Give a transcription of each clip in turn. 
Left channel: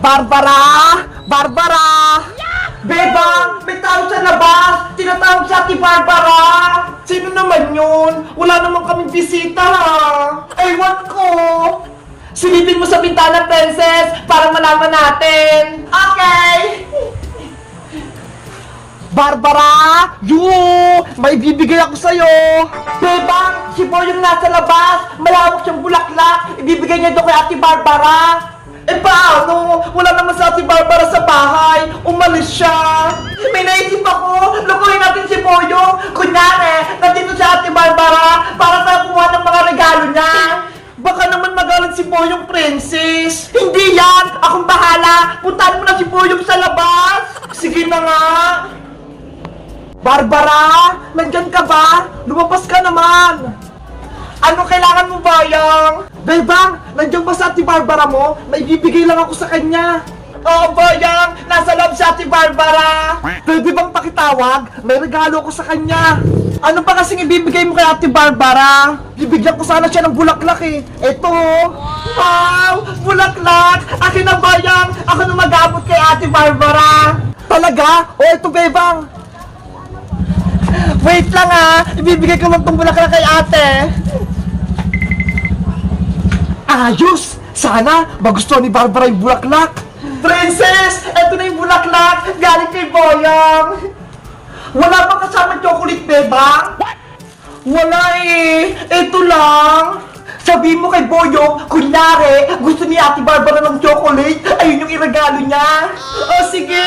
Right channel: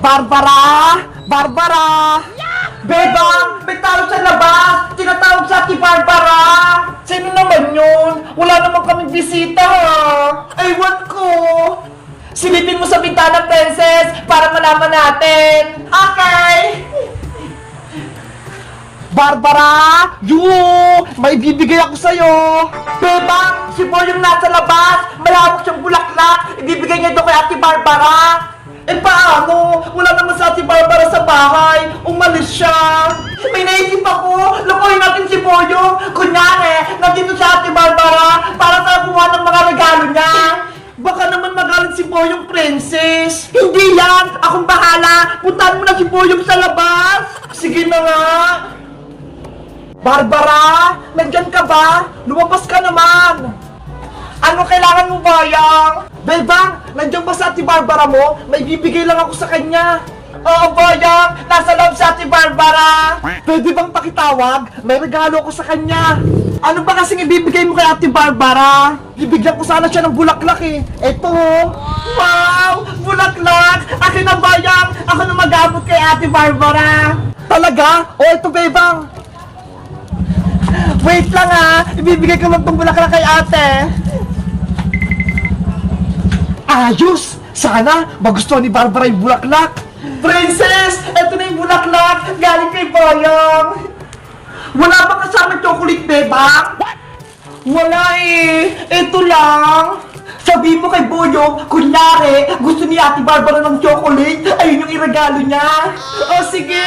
Barbara! Barbara! Bebang! May tao sa labas! Tinatawag sa ating Barbara! Sino naman yun? Wala naman kaming bisita ha! Aywan ko! Silipin mo sa bintana, princess, para malaman natin! Okay! Barbara! Yu! May bibigay ako sa'yo! Bebang! Si Boy yung nasa labas! Malawak siyang bulaklak! Ibibigay niya doon kay Ate Barbara! Eh paano? Wala naman sa Ate Barbara sa bahay! Umalis siya! May naisip ako! Lukuhin natin si Boyong! Kunyari, nandito si Ate Barbara para sa kuha ng mga regalo niya! Baka naman magalit si Boyong Princess! Hindi yan! Akong bahala! Puntahan mo na si Boyong sa labas! Sige na nga! Barbara! Nandyan ka ba? Lumabas ka naman! Ano kailangan mo, Bayang? Bebang, nandiyan ba sa ati Barbara mo? May bibigay lang ako sa kanya. Oo, Bayang! Nasa loob sa ati Barbara! Pwede bang pakitawag? May regalo ako sa kanya. Ano ba kasing ibibigay mo kay ate Barbara? Bibigyan ko sana siya ng bulaklak eh. Eto oh. Wow! Bulaklak! Akin na Bayang! Ako na magamot kay ate Barbara! Talaga? O eto, Bebang! Wait lang ah! Ibibigay ko lang tong bulaklak kay ate! Ayos! Sana magustuhan ni Barbara yung bulaklak! Princess! Ito na yung bulaklak! Galing kay Boyong! Wala ba kasama chocolate, beba? Wala eh! Ito lang! Sabi mo kay Boyong, kunyari, gusto ni Ate Barbara ng chocolate, ayun yung iregalo niya! O sige!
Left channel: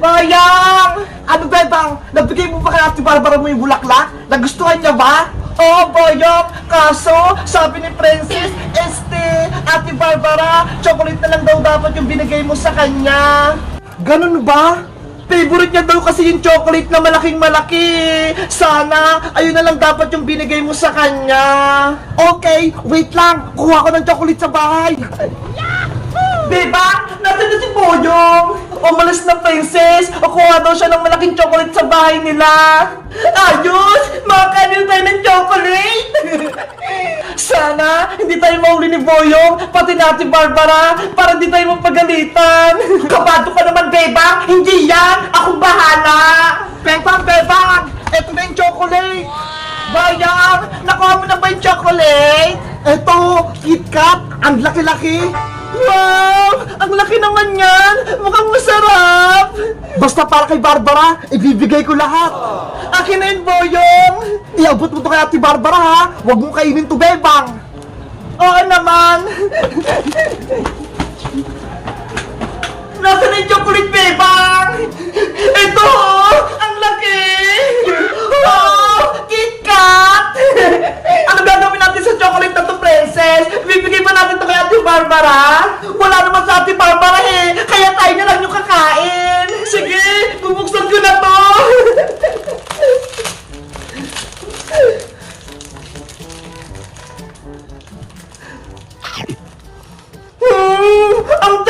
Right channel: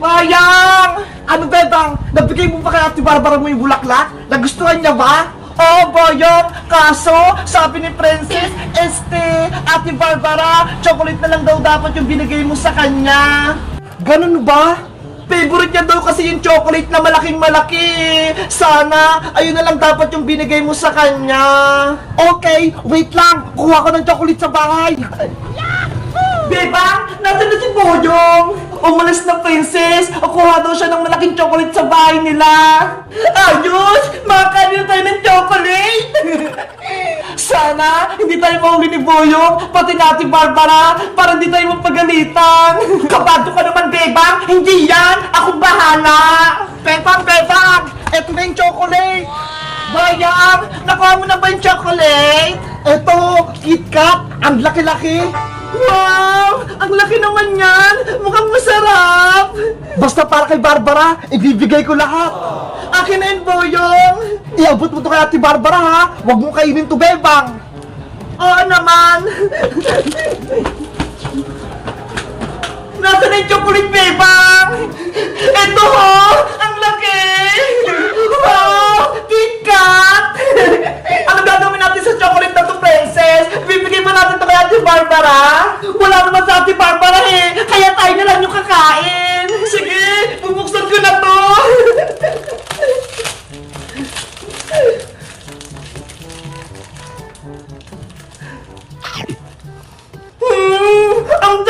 Bayang! Ano bebang? Nabigay mo pa kay Ate Barbara mo yung bulaklak? Nagustuhan niya ba? Oo, Boyong! Kaso, sabi ni Princess, este, Ate Barbara, chocolate na lang daw dapat yung binigay mo sa kanya. Ganun ba? Favorite niya daw kasi yung chocolate na malaking malaki. Sana, ayun na lang dapat yung binigay mo sa kanya. Okay, wait lang. Kuha ko ng chocolate sa bahay. Diba? Nasaan na si Boyong? Umalis na princess. O kuha daw siya ng malaking chocolate sa bahay nila. Ayos! Makakanin tayo ng chocolate! Sana, hindi tayo mahuli ni Boyong, pati natin Barbara, para hindi tayo mapagalitan. Kabado ka naman, Bebang! Hindi yan! Akong bahala! Bebang, Bebang! Eto na yung chocolate! Bayang! Nakuha mo na ba yung chocolate? Eto, KitKat! Ang laki-laki! Wow! Ang laki naman yan! Mukhang masarap! Basta para kay Barbara, ibibigay ko lahat! Akin na yun, Boyong! Iabot mo to kay Ate Barbara, ha? Huwag mo kainin to, Bebang! Oo naman! Nasaan na yung chocolate, Bebang?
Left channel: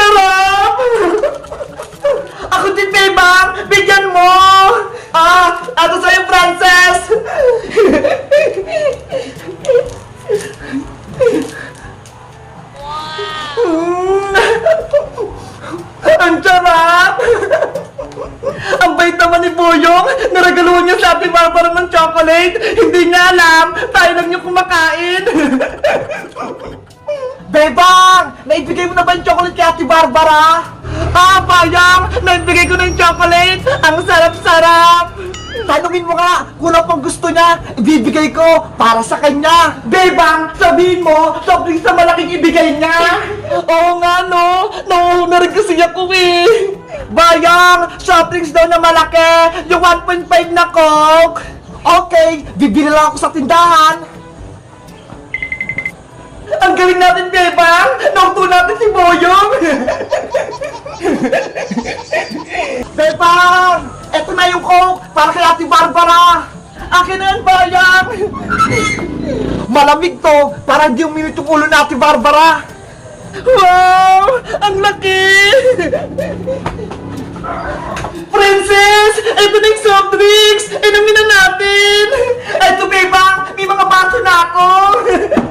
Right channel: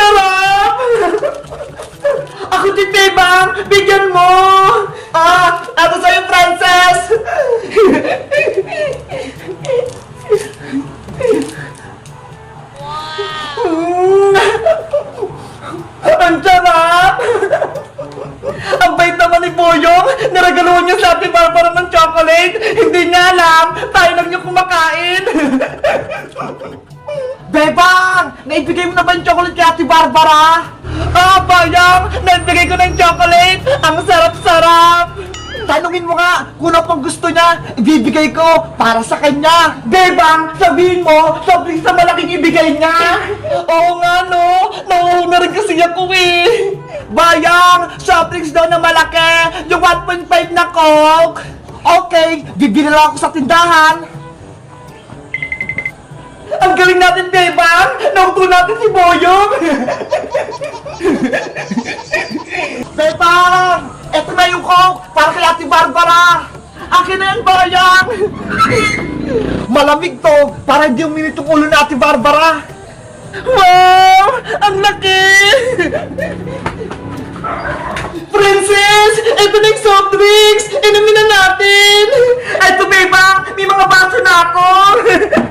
Sarap! Ako din, Bebang! Bigyan mo! Ah, ano sa'yo, Princess? Mm. Ang sarap! Ang bait naman ni Boyong! Naragaluhan niya sa ating Barbara ng chocolate! Hindi niya alam! Tayo lang yung kumakain! Bebang! Naibigay mo na ba yung chocolate kay Ate Barbara? Ah, Bayang! Naibigay ko ng chocolate! Ang sarap-sarap! Tanungin mo nga kung ano pang gusto niya, ibibigay ko para sa kanya. Bebang, sabihin mo, sobrang sa malaking ibigay niya. Oo nga, no? Nauuna rin kasi ako eh. Bayang, soft daw na malaki, yung 1.5 na coke. Okay, bibili lang ako sa tindahan. Ang galing natin, Bebang! Nauto natin si Boyong! Bebang! Eto na yung coke para kay Ate Barbara! Akin na yan, Bayang! Malamig to para hindi uminit yung ulo ni Ate Barbara! Wow! Ang laki! Princess! Ito na yung soft drinks! Inumin na natin! Ito, Bebang! May mga baso na ako!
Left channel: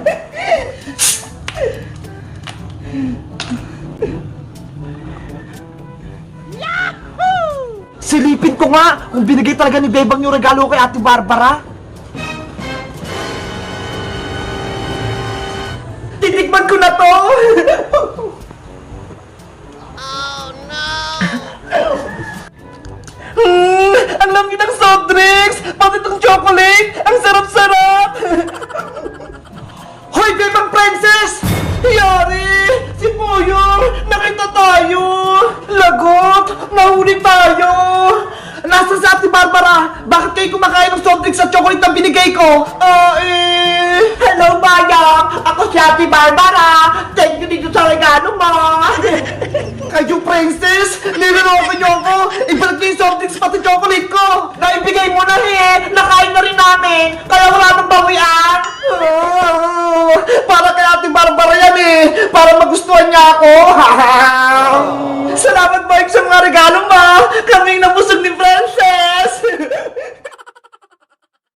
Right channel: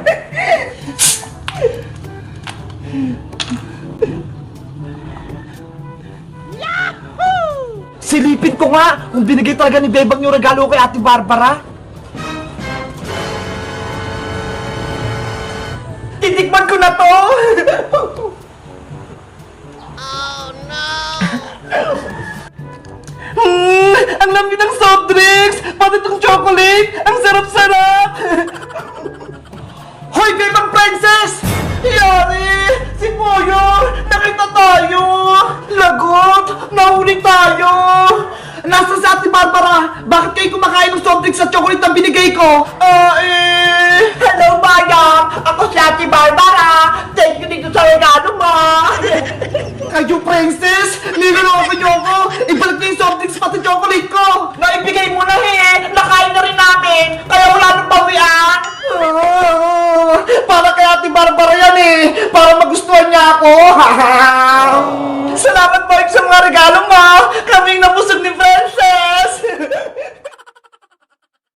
Silipin ko nga kung binigay talaga ni Bebang yung regalo kay Ate Barbara. Titikman ko na to! Hmm, ang lami ng soft drinks! Pati itong Tayo! Nasaan si Ate Barbara? Bakit kayo kumakain ng soft drinks at chocolate na binigay ko? Ah, eh... Hello, Bayang! Ako si Ate Barbara! Thank you dito sa regalo mo! Kayo, princess! Niloloko niyo ako! Ibalik niyo yung soft drinks pati chocolate ko! Naibigay mo na eh! Nakain na rin namin. Kaya wala nang bawian. Ah, uh, para kay Ate Barbara yan eh. Para magustuhan niya ako. Salamat, Mike, sa mga regalo, ma. Kaming nabusog ni Princess.